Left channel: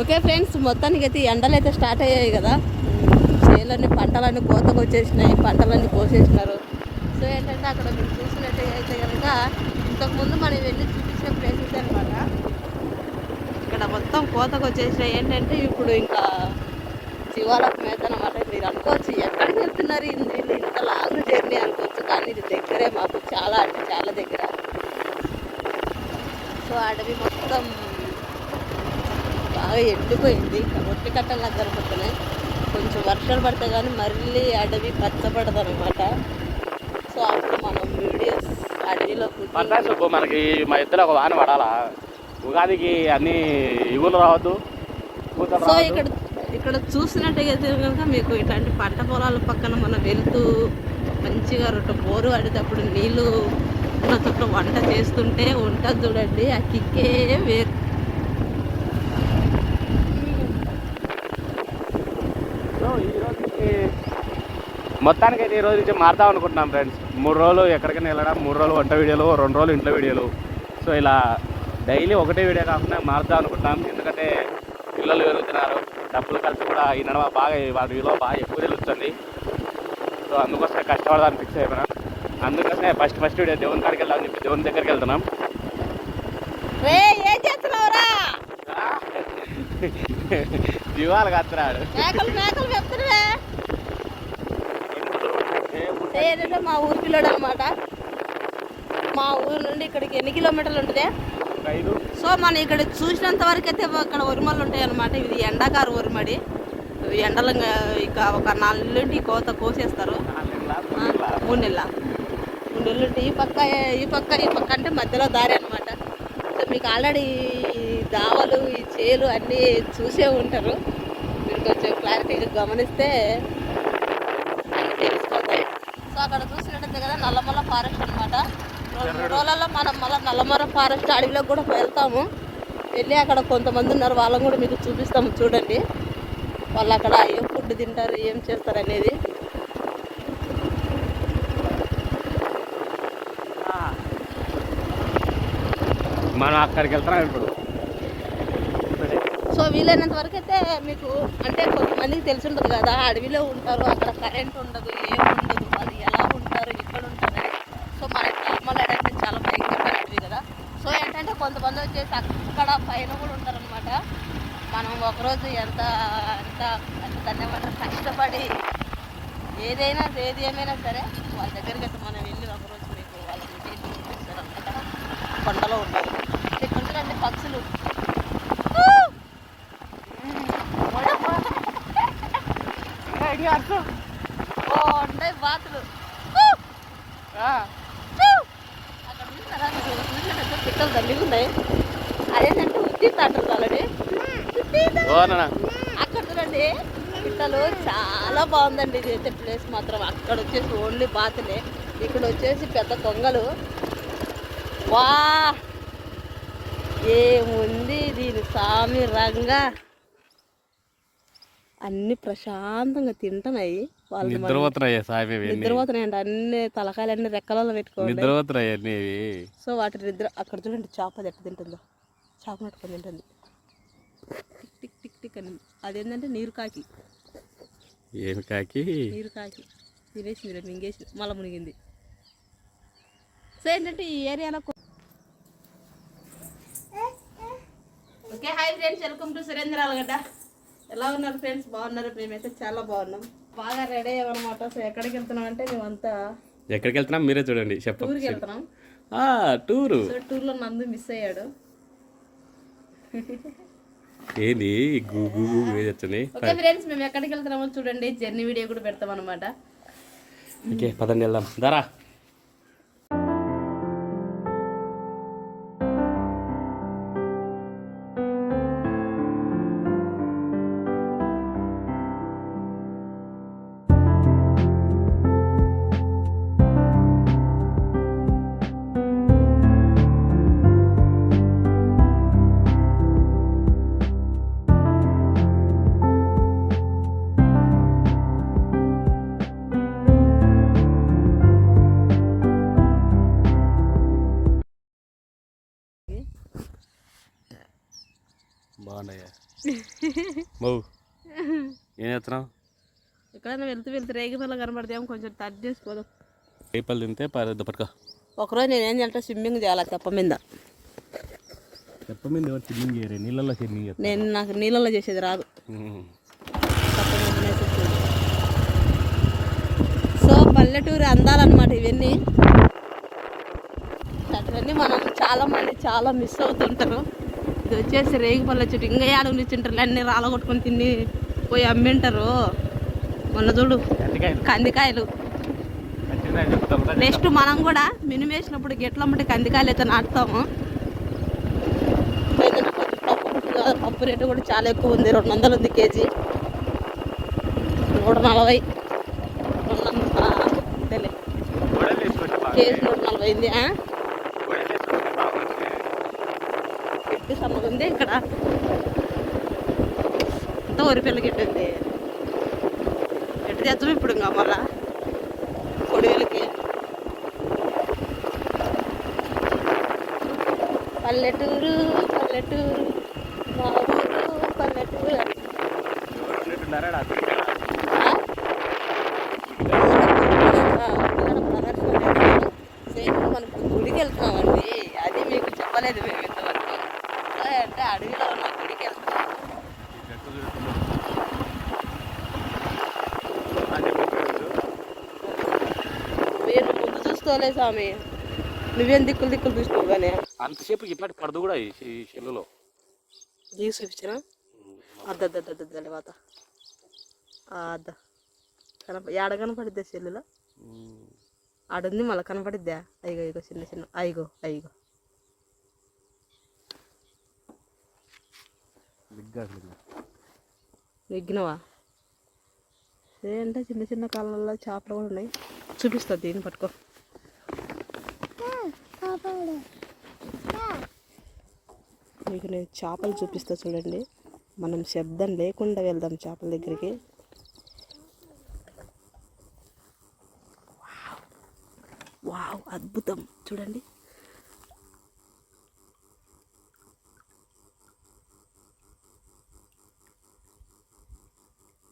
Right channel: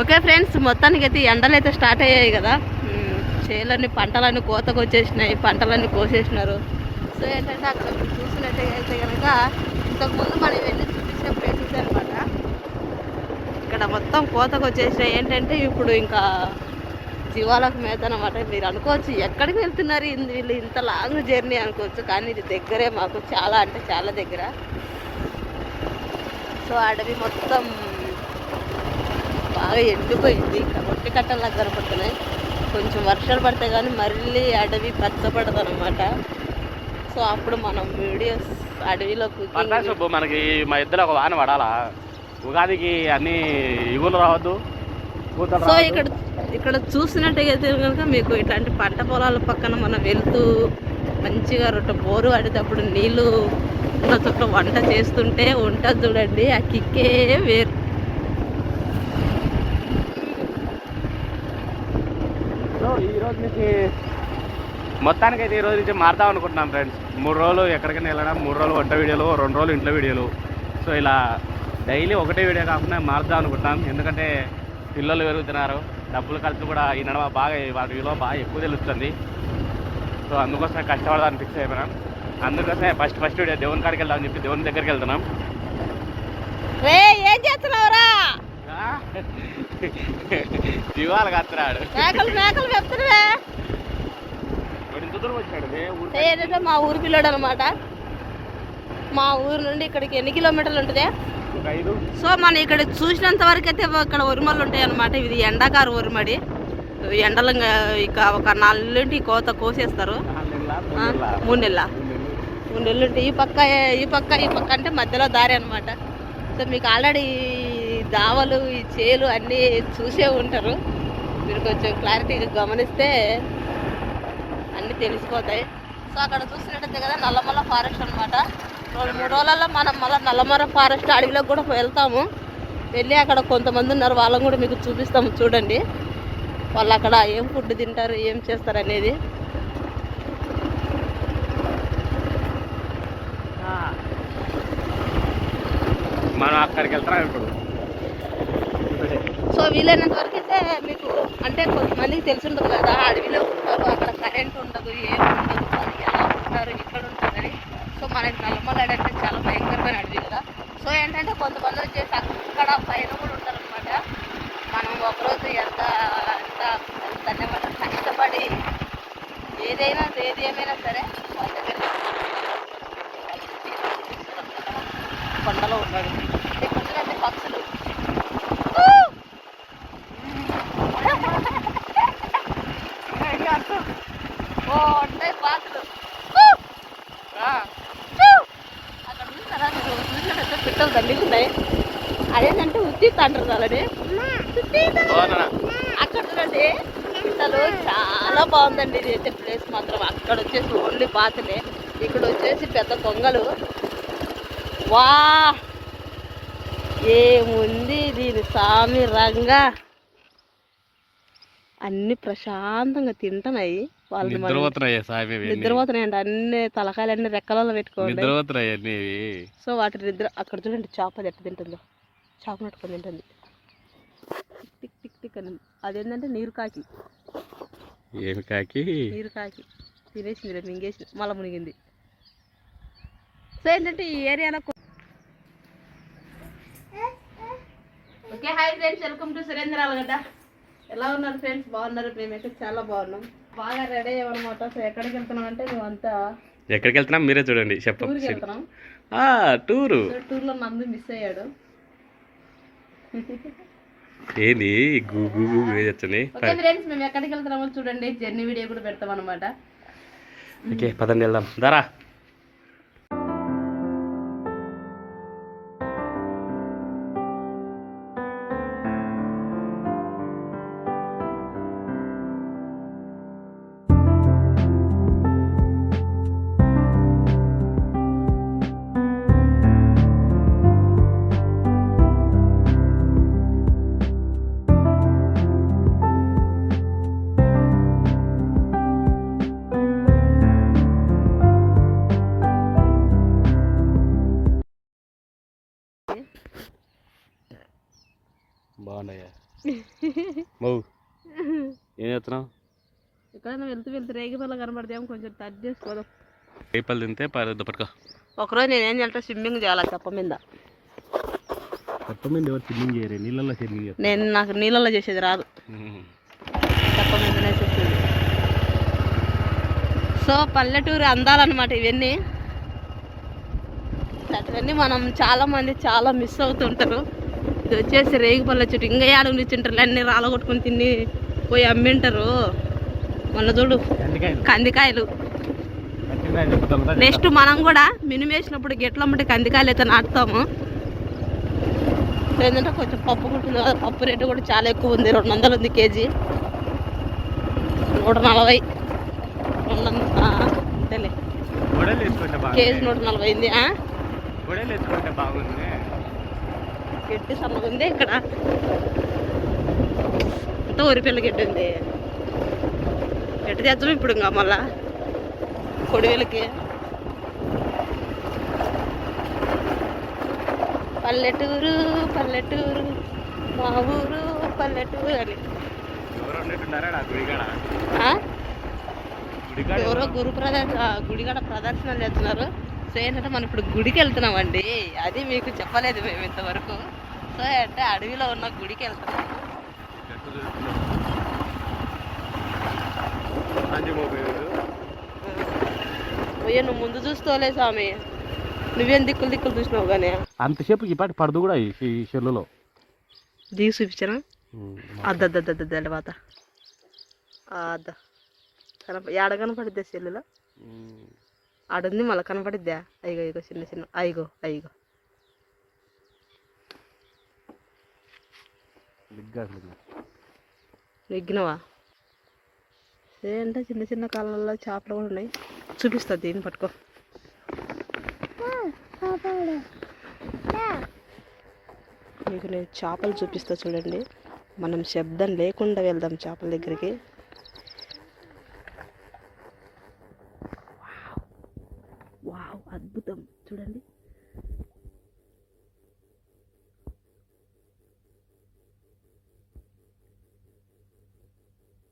Okay friends మొత్తానికి అయితే ఎండలు అయితే స్టార్ట్ అయ్యాయి కదా. ఉమ్, చేలన్నీ పంటలన్నీ కోతకు వచ్చేసినాయి పంటలన్నీ కోసేసినారు. సో ఏంటంటే అక్కడ చూసినట్టయితే కనుక ఇంతకుముందు మనం వెళ్ళి చూసిన ప్లేసెస్ అనమాట. ఇక్కడ మొత్తం కోతకు వచ్చేసినాయి. ఏంటంటే ఇప్పుడు ఇంకా జీవాలకు మేత అనమాట మీరు అనుకోవచ్చు ఎక్కడికి వెళ్తున్నారు? వీళ్ళు ఇంత లాంగ్ జర్నీ అనుకోవచ్చు కానీ ఇది దగ్గరే మాకు. చాలా అంటే చాలా దగ్గర. సో అడవి మొత్తం బాగా ఎండిపోయింది. ఒట్టి కట్టలా జరుగుతున్నాయి కొంచెం వర్షాలు పడితే కానీ మళ్ళీ అడవి పచ్చబడదు అనమాట సో అప్పుడు మనం వీడియోస్ అడవిలో కుకింగ్ మనకి మా ఇద్దరు ఒక వాన పడాలా? ఉగాదికి అన్ని ఇగులు రావద్దు సో. ఇక్కడ ఇక్కడ చూసినట్టయితే కనుక మీకు ఇట్లాంటి పంట పొలాల పక్కన మనం వెళ్తూ మంచిగా రొట్టె బోరు అడిగేటప్పుడు నీళ్ళు ఉన్న చోట వంట చేస్తుంటే ఉంటుంది చూడండి. ఆ కిక్కే వేరు. ఈ రోజు నుంచి మొత్తానికి అయితే ఈ రోజు నుంచి మారుతాం అనుకుంటున్నాం ఫ్రెండ్స్ మూడు రోజులు ఎక్కడికైనా వెళ్ళడం మూడు రోజులు వంట వీడియోలు రెండు రోజులు ఇంట్లో వీడియోలు. సో ఇలా డైలీ ఒకటే వీడియో కాకుండా మారుదాం అనుకుంటున్నాం. ఎందుకంటే పిల్లలు పెరుగుతున్నారు. డబ్బులు ఖర్చు కూడా ఈ నడవ బాగా వాటి విలువ బాగా ఎక్కువ తెలుస్తుంది. సో అందుకోసమే కష్టపడదాన్ని ఫిక్స్ అయిపోయినాం. అందుకోసమే ఫస్ట్ ఫస్ట్ వీడియో దేవుని కాడికి వెళ్దామని చెప్పి దేవుని దగ్గరికి వెళ్తున్నాం రే ఏం చేస్తున్నావురా దివాలు కత్తరాడు. మేకలు మేకలు ఏదంటే మా ఊరు పిల్లోడు అనమాట మా ఊరు నుండి ఇక్కడికి ఎన్ని కిలోమీటర్లు ఉంటుంది? సో మనం ఇక్కడ చూసినంత వరకు అయితే ఇక్కడ ఉరిమలు ఉంటాయి అనమాట ఇది ఎండాకారు ఉరిమడి ఎండలు ఇంకా ఒక నాలుగు కోత కోసేస్తారు. మూడు నెలల మూడు నెలలు. ఈ పక్క ఈ పక్క ఈ పక్క అంటే మధ్యలో దారి అనమాట సో మీకు ఆల్రెడీ దావలు ఈ చేలు అన్నీ చూసే ఉంటారు. మీరు కొంచెం క్లారిటీగా గమనిస్తే అన్నీ తెలిసిపోతాయి. సో అక్కడ చూసినట్టయితే కదా నల్లమల్ల ఫారెస్ట్ అనమాట రెండు మూడు రోజులలో మనం మళ్ళీ నల్లమల్ల ఫారెస్ట్ అడవిలోకి కూడా వెళ్తాము. వెళ్ళి అక్కడ కొంతమంది ఉన్నారు వాళ్ళని కూడా మీకు చూపిస్తాము చూడండి. వాళ్ళు అక్కడ ఏం ఫుడ్ తింటారు ఏం చేస్తారు అనేది. మనం అక్కడికి వెళ్తున్నాం ఇప్పుడు. వీలైనంత వరకు అయితే మీకు అంటే కొంతమందికి తెలిసి ఉండదు కదా అడవిలో ఉంటారు అక్కడ కరెంట్ ఉండదు ఏం ఉండదు వాళ్ళు ఎలా ఉంటారు ఇక్కడ ఉంటారని. సో మనకి నార్మల్ అడవి అంటే చాలా భయంకరమైన అడవి కదా. సో ఏంటంటే కొంతమంది వచ్చేసి అక్కడ పైన కూడా ఉంటారనమాట మనం ఒకరోజు ఎంత ఎంత ధన్యవాదం కష్టపడి ఏదైనా ఏది ఏమైనా సరే వాళ్ళ దగ్గరికి మనం వెళ్ళి అనమాట కొండలో ఉన్నాడు ఇక్కడ పక్షులు ఓ ఉన్నాయి బాతులు అక్కడ చూసారా మీరు తల్లిస్తున్నాయి అదేంటంటే ఉత్తిత్ అంటారు అలానే అక్కడ చూడండి పిట్టలు చాలా బాగుందండి ఇది అయితే ప్లేస్ మాత్రం. అక్కడ వచ్చేసి ఓన్లీ బాతులే ఇక్కడ వచ్చేసి పెద్ద కొంగలు. వా! ఏముంది దీని సామి రంగా? అన్ని ప్రశాంతంగా తింటున్నాయి. వాళ్ళు మరి నిద్రపోతున్నాయి సామి ఇవి. నిద్రపోతున్నాయండి అన్ని తలకాయలు అన్ని రెక్కలలో పెట్టుకోండి. సో వాటి నిద్ర అక్కడ చూడండి చేప అది ఎట్ట తింటుందో. చేప నట్టుకొని తింటుంది. టిక్ టిక్ టిక్ టిక్ అని. అదేంటంటే నీరు కాకి. ఏమి కాకి? నీరు కాకి. తినేసింది రేపు మింగేసింది. మళ్ళీ మునిగింది. సో ఏంటంటే ఈ ఏరియాలో okay hi friends. Welcome to Surendra Allagadda ఎలా ఉన్నారు ఫ్రెండ్స్? బాగున్నారు? మేమైతే చాలా బాగున్నాం. బాగా రెడీ అయ్యామన్నమాట సో ఎక్కడికి వెళ్తున్నాం అంటే మేమంతా ఎక్కడికి వెళ్తున్నాం మీరే చూడండి టూర్కి చెప్పండి వెళ్తున్నాం టూరు. టూర్లో నందు మిస్ అయ్యాడు. ఏంది? గూగు గూగు వేయచ్చని ఓకే ఫ్రెండ్స్ మేము ఎక్కడికి వెళ్తున్నామో చూడండి. జర్నీ వీడియో కూడా పెడతాం అనమాట ఓకే పదండి వెళ్దాం. దారా. మౌ. ఏం చేస్తున్నావు? ఎక్కడైనా వెళ్తూ వెళ్తూ రేగి పిల్ల కనబడితేమో కొంచెం టచ్ చేసుకోదాం. రేపలు తింటే పరద్దు పట్టుకో. ఒకరోజు నేను ఏం చేయాలంటే స్విమ్మింగ్ చేయాలి చెప్ప మీద. కొత్త మీద ఎవరు స్విమ్మింగ్ చేయరు నీళ్ళల్లో స్విమ్మింగ్ చేయరు నేను నాకు నీళ్ళలో చేసేది రాదు. చెప్ప మీదనే సో పల్లెటూరు అందాలన్నమాట ఇవన్నీ. అటువన్నీ మనం చాలా మంది చాలా మిస్ అవుతుంటారు. ఇది వచ్చేసి రేగి పళ్ళ చెట్టు ఇంకా ఏడ నిచ్చింటారు అన్ని రాలగొట్టుకుని తిని పోయి అమ్మింటారు. మొన్న చూడు కందికాయలు. నెక్స్ట్ మనం కూడా మినుము వేసినప్పుడు గిట్లమ్మటి కందికాయలు అయితే నాటుతాము. ఏంటంటే కొంచెం పప్పు కదా పప్పు రేటు కూడా చాలా ఎక్కువ ఉంది. రెండు వందలు ఉంది కేజీ. నూట నలభై. రెండు వందల. కేజీ నూట నలభై ఉంది ఆ? గొడవలు వేసుకుంటే బాగుంది గడ్డి సన్నగా ఉంది ఇక్కడ అంతా వరిపిల్ల గడ్డి ఉంది. గడ్డి తెచ్చాము ఇప్పుడు ఇంకా మళ్ళా. కొడివేలకి. పల్లెటూరు పల్లెటూరు మా ఊరు పల్లెటూరు అని. గుడిగడ గుడి ప్రదర్శన ప్రదర్శన చేస్తారు. సో మనం ఇప్పుడు గుడికి వెళ్తున్నామండి. అది మీకు చెప్పలేదు మేము ఇంతవరకు. అంటే అడవిలో ఉన్న గుడికి వెళ్తున్నాం పోయి నువ్వు ముందు చూసుకోలే స్వామి. నువ్వేం దిక్కులు దిక్కులు చూసినావు కానీ? అంతసేపు ఈ పాటి పడదు కూడా ఈ చెల్లులో దిగి చూపించానా? అద్దద్దద్దద్ద తర్వాత. అద్ద. కనప ఏడ కనపడిద్దా సెల్లులో ఆడుంది మళ్ళీ కనపడిద్దా? అయ్యో ఇగో చిన్న చిన్న. అయ్యో అయ్యో. నెగ్గినవా ఏంటో చిన్న చిన్న కాలంలో చేపలు కూడా ఉన్నాయి. చూపిస్తా దీన్ని పట్టుకో. మీకు నేను చేపలు చూపిస్తా చూడండి. మనం శబ్దం లేకుండా వెళ్దాం చేపల దగ్గరికి. వావ్ అద్భుతం. చూడండి.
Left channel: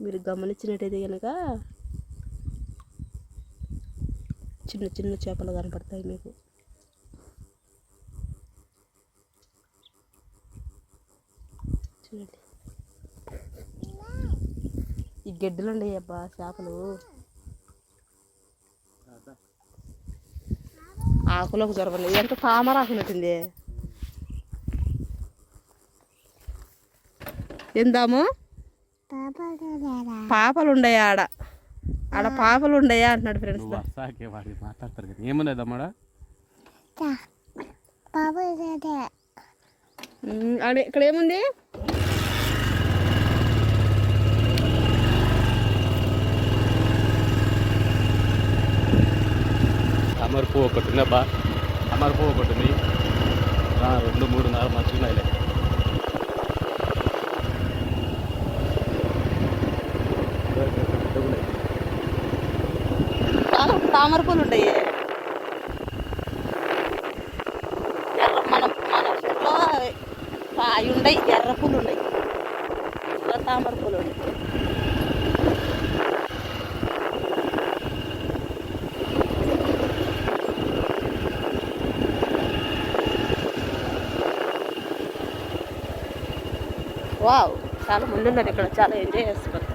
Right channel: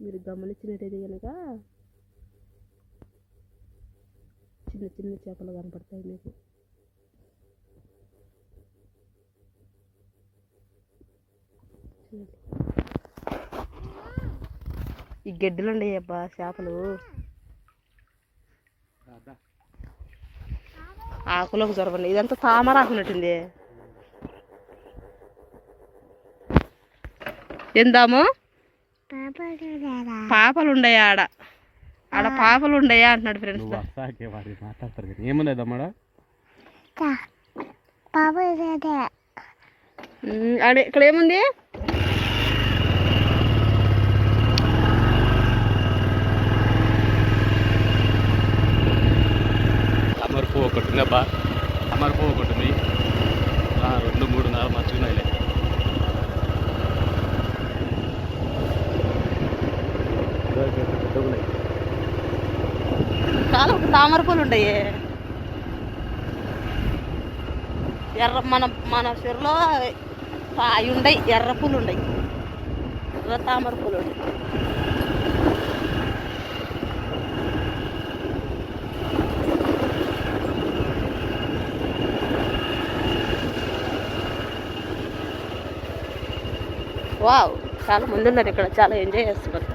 మీరు గమనించినట్టయితే కనుక చిన్న చిన్న చేపలు కనపడతాయి మీకు. చూడండి. ఈ గడ్డలు ఉన్నాయి అబ్బా చేపలు. ఆకులోకి జరగండి ఇదంతా తామర ఆకున్నట్టుంది ఎందాము పాపలు ఉండయా ఆడ ఆడ పాపలు ఉండయా అంటున్నాడు ఫ్రెండ్స్ వాడి మాట్లాడతారు కదా. ఇక్కడ ఏముంది? అమర్ పువ్వు ఒకటి ఉంది అబ్బా అమర్ పువ్వు ఒకటి ఉంది ఆ, రెండు మూడు నాలుగు మంచిగా ఉన్నాయి చాలా తామర పూలు ఉంటాయి. ఎర్ర మన మన చెరులో అవి ఉండయి ఎర్ర పూలు ఉండయి ఎర్ర తామర పూలు ఉన్నాయి వావ్ చాలా మంది ఉన్నారు ఇక్కడ చాలా ఎంజాయ్ చేస్తున్నారు.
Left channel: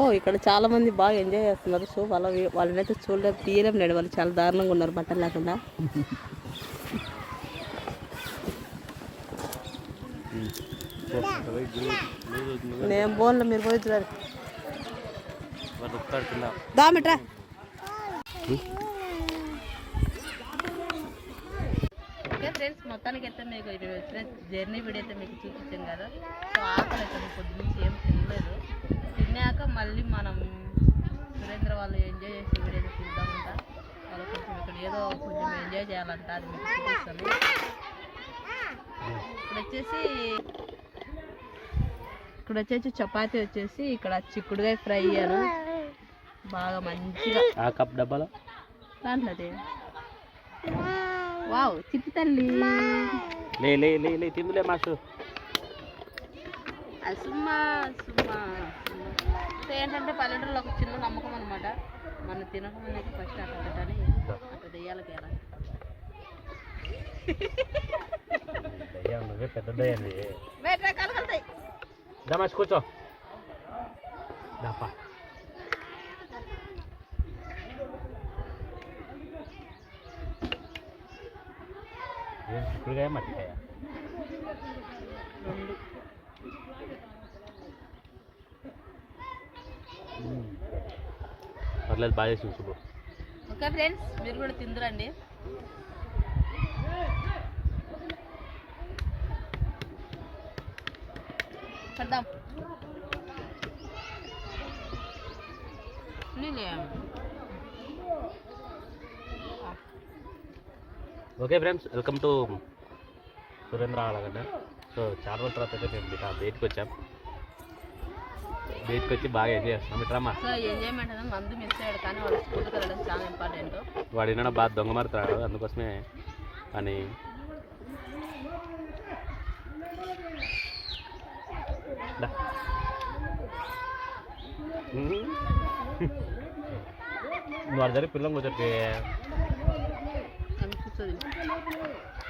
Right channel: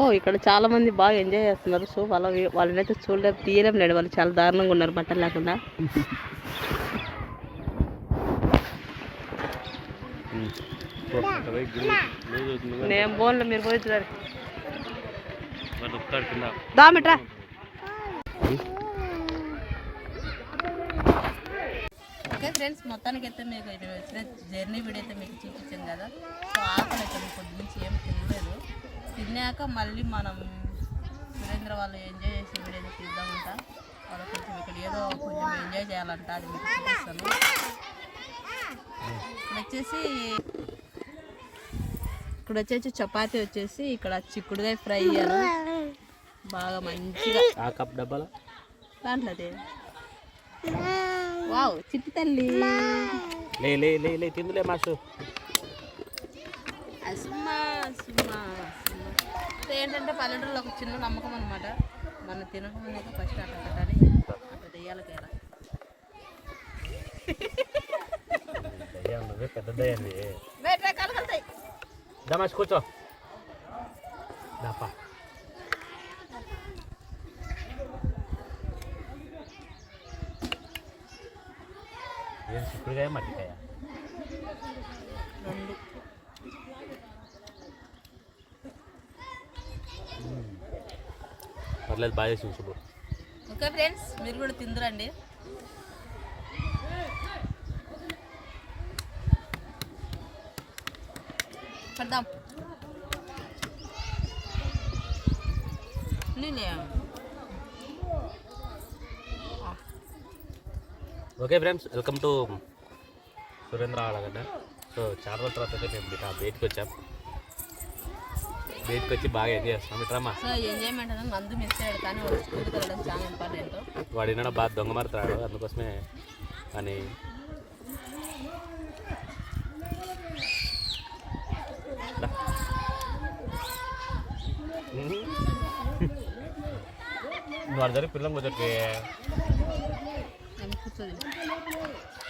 ఓ ఇక్కడ చాలా మంది బాగా ఎంజాయ్ చేస్తున్నారు. సో వాళ్ళ వాళ్ళనైతే చూడలేం తీయలేం లేడు వాళ్ళు. చాలా దారుణంగా ఉన్నారు బట్టలు లేకుండా. నేను బోన్లో మీరు పోయించారు దామిట్రా. ఓకే ఫ్రెండ్స్ మొత్తానికి అయితే మీకు ఇది జర్నీ వీడియో అయితే మీకు చూపించాను కదా. సో ఆకలి అయితే పొద్దు నుంచి ఏం తిన్నాక మళ్ళీ మనం సురేంద్ర వాళ్ళు ఎంజాయ్ చేసే వీడియో అయితే తీద్దామంట. వాళ్ళు కొంచెం ఇక్కడ ఏదో కొంచెం ఎంజాయ్ చేయాలంట అది మీకు చూపిస్తాను ఇక్కడ వచ్చేసి ఇక్కడ వచ్చేసి చపాతి వచ్చేసి ఇక్కడ చిక్కుడుగాయ ఫ్రై అను. బాగా మంచిగా. ఆ కప్ డబ్బాలో? దాంట్లో అదే వావ్ చిట్టి తల్లి. లే లే లే లే తిందులే మాస్టర్. అసుమా అసుమా సో ఏంటంటే పల్లెటూరులో ఒక చిన్న నమ్మకం అనమాట మన తినకముందే ఫస్ట్ అట్ట అట్టని అట్ట దెయ్యాలి కలుగుతాయి దమాష్ కూర్చో. దాపా. ఏం చిక్కుడుకాయ మట్టికాయ? రెండు. పర్లేదు బాగా చేసి శుభ్రం ఓకే ఫ్రెండ్స్ మీరు కూడా తిందురండి. పడదాం. Okay friends welcome to Surendra Allagadda. So చాలా రోజుల తర్వాత మేము బయటకు వచ్చాం. బయటకు వచ్చి బాగా ఎంజాయ్ చేస్తున్నాం. ఇట్రమ్మా సో ఎంజాయ్మెంట్ అనేది మందు మిస్ అయ్యాడు కానీ వాళ్ళు స్కూల్కి వెళ్ళడం చాలా ఇంపార్టెంట్ వాడు వినడం బాగా దొంగ మారుతాడు అందుకోసమే అని. నువ్వు అర్థం పిల్లలు కూర్చోటి అనిపిస్తుంది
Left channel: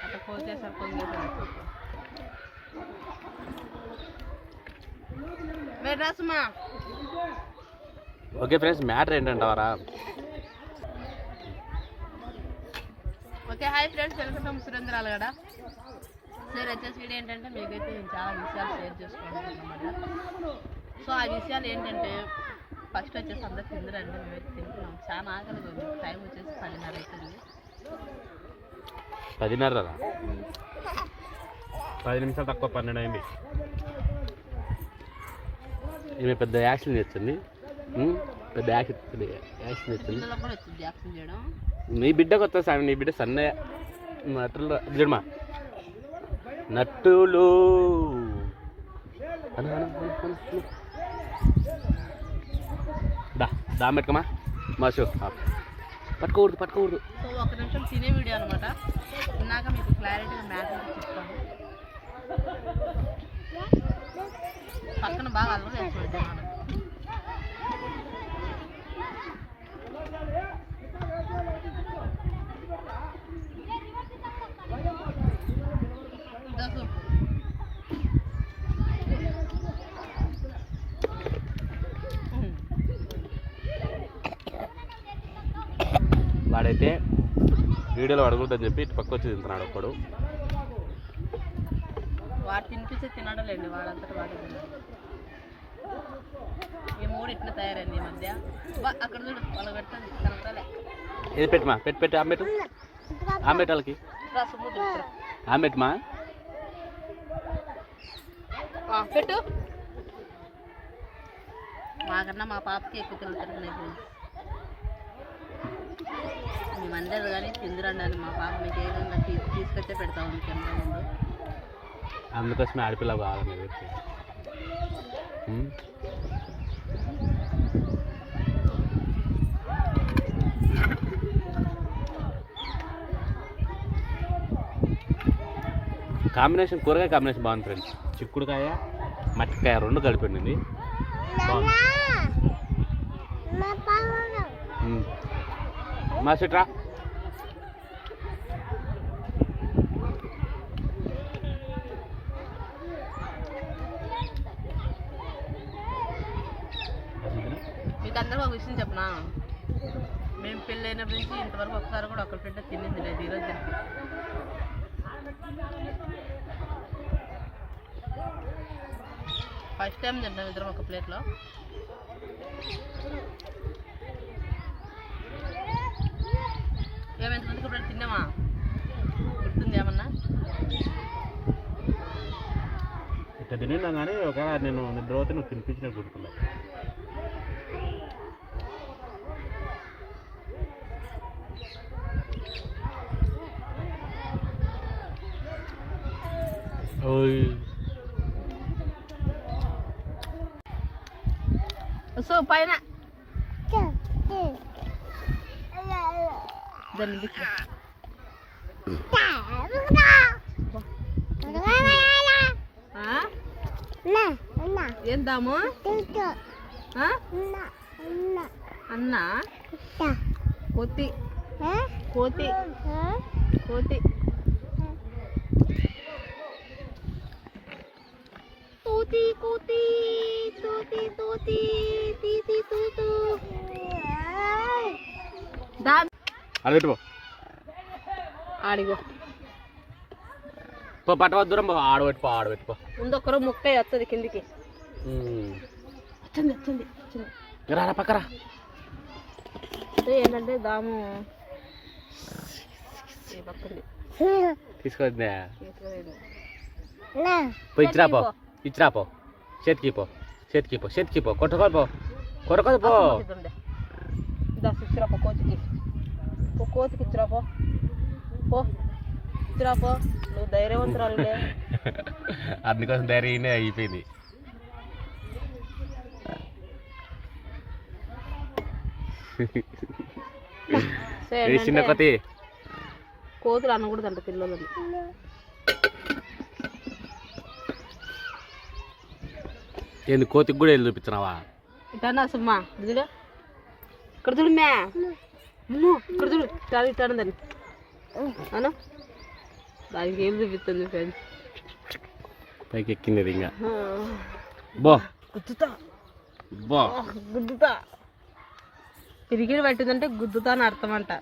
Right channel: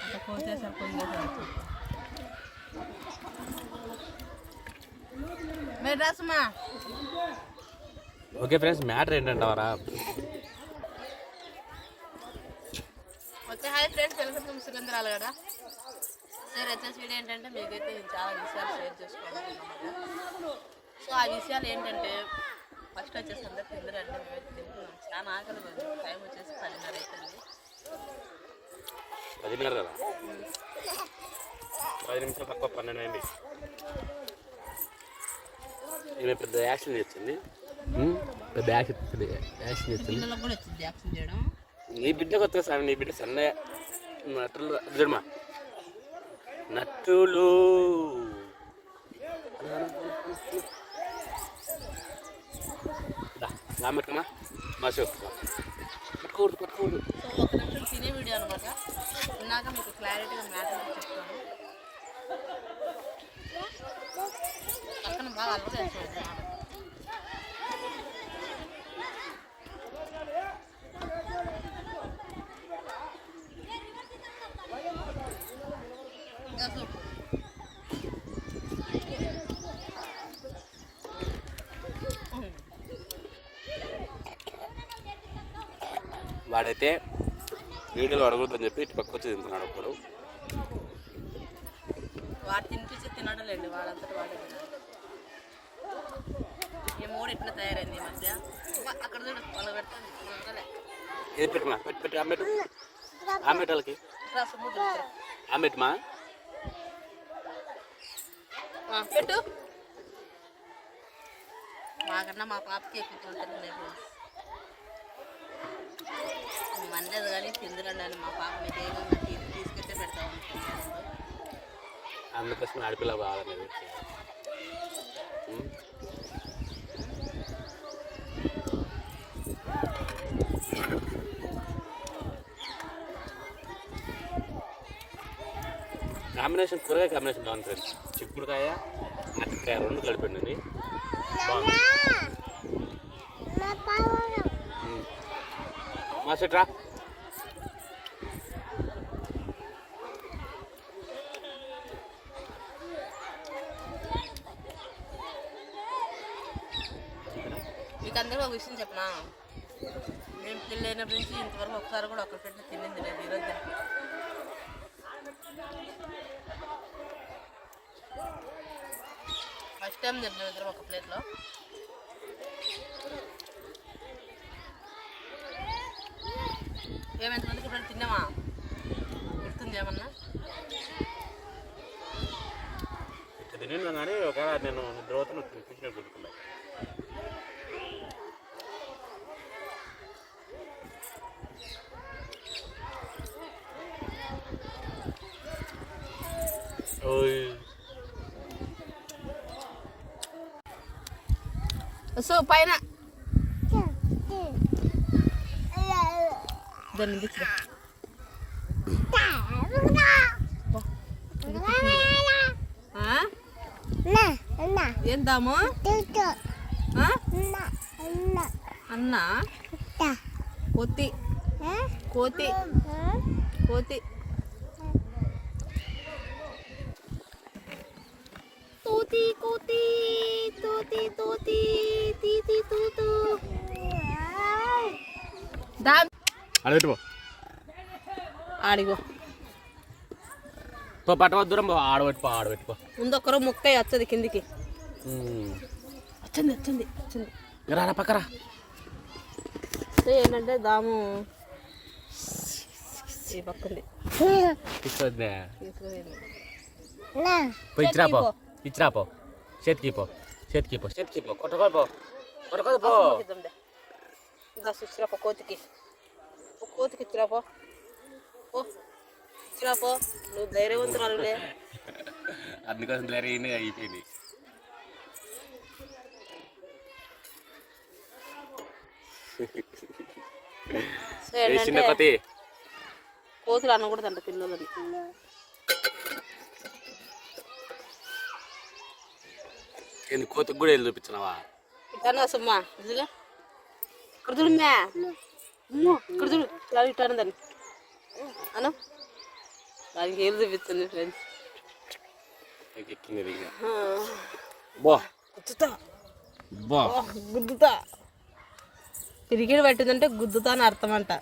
అట్లా కోసేసారు కొందేసారు మీరు రాసమ్మా okay friends matter ఏంటంటావరా? Okay hi friends welcome to Surendra Allagadda sir వచ్చేసి వీడియో ఏంటంటే మీకైతే నేను చాలా విషయాలు షేర్ చేసుకోవాలనుకుంటున్నమాట సో ఆ విషయాలు ఏంటంటే ఫస్ట్ వచ్చేసి అందరు తిందరండి మేమైతే తింటున్నాం. చాలా ఆకలిగా ఉంది. టైం వచ్చేసి పదిన్నర అవుతుంది పదిన్నర పది నిమిషాలు తక్కువ పన్నెండు అయింది. ఈమె పెద్ద యాక్షన్ చేస్తుంది. పెద్ద యాక్షన్ యాక్షన్ చేస్తుంది. నీ బిడ్డకు వస్తా సార్ నీ బిడ్డ సన్న నటులు చూడమా నట్టులు. దా దా పెట్టుకోమా? మాషో పట్టుకోకూడదు పట్టుకోకూడదు. సో ఒక నిమిషం తినే వీడియో అనమాట తిన్నాక మీకు క్లారిటీగా మ్యాటర్ చెప్తాను. పక్కన బాగా అల్లరి దసు వాడైతే వీడియోలో అడుగుద్దని చెప్పి ఇటు పక్క వచ్చి తింటున్నాడు ఒక్కడు వాడు తినిపించి తినడం లేదు వాడంతట వాడే తినాలి. మూడు ఇట్లా తయారైంది ఈ మధ్య. అక్కడ చూడు వాళ్ళు పెడుతుంది కనపడలే. ఏది పెట్టుమా? పెట్టి పెట్టి ఆమెటు ఆమెట్ వాళ్ళకి ఆమెట్మా పెట్టు. మాకన్నా మా పాపకి ఎక్కువ తిరుగుతున్నాయి ఫ్రెండ్స్ మేము అనలేదు కానీ తిందురండి అని మా పాప మీకు తీ- తీసుకొచ్చే పెడతాం కింద ముందు. అందుకోసమే ఆడపిల్ల బాగాలేదు కాంబినేషన్ కూరగాయ కాంబినేషన్ బాగుంది ఫ్రెండ్స్ చిక్కుడుకాయ మట్టికాయ రెండు కలిపిండింది బాగుంది. మా సిట్రా? మీకు అందరికీ ఒక విషయం చెప్పనా? మేము పెళ్ళైనప్పటి నుంచి ఇంతవరకు ఒకసారి కూడా ఒకరి పెట్టే తినేది లేదు ఈరోజు తిన్నాం ఫస్ట్ టైం తింటాం ఇద్దరం ఒక ప్లేట్లో. ఏమెంతమందికి ఇప్పుడు తిన్నామా? గుర్తుంది ఏమన్నా? ఇట్లా తిన్నా కానీ ఒక నేను నిద్ర పోతే నువ్వు తినిపించిన గుర్తున్నాయి ఓయ్. సో పైన దాన్ని బిచ్చు. ఆ? ఏం దాము ఆ? అన్న కోతి కోతి కోతి తూతి కోతి తూతి తూతి తీతి తూతు అడగట్టు ఆడిగో. పో పట్టవద్దు దూరం పో. ఆడబెట్టుకో ఆడబెట్టుకో ముందొక్కరో ముక్క వస్తుంది కిందికి. వచ్చింది వచ్చింది వచ్చింది రారా పక్కరా ఏంటంటే దాము. ఈ పక్కంది. తీసుకొద్దా తీసుకుపోయింది. పో. ఇచ్చిరా పో చేతికి పో చేతికి పో చేతికి పో కొట్టుకోదు పో కొట్టుకోదు పో ఇద్దాంలే. దా ఇచ్చిరా పో కోతికి ఓ కోతికి ఇచ్చిరా పో పో ఇచ్చిరా పో నువ్వు ధైర్యవంతురాలులే అందుకోసం ధైర్యంగానే అయిపోయింది. చిన్న కొత్త కోతులు అనకూడదంట పిల్లలని. ఏంది కోతికి కూడా వెళ్ళి చూపించినావా? సుమ్మా ఇదిలో ఇక్కడ చూడు మ్యా. అమ్మో, ఇక్కడ చూడు. ఇటాను ఇటాను దాన్ని అను దానికి ఏం చూపిస్తుంది ఫ్రెండ్స్ పైకి ఎక్కింది ఇంకా. బో. గుద్దుతా. బో. గుద్దుతా. పిరిగిడి పెట్టిందంటే గుద్దుతా అని అర్థం అంట.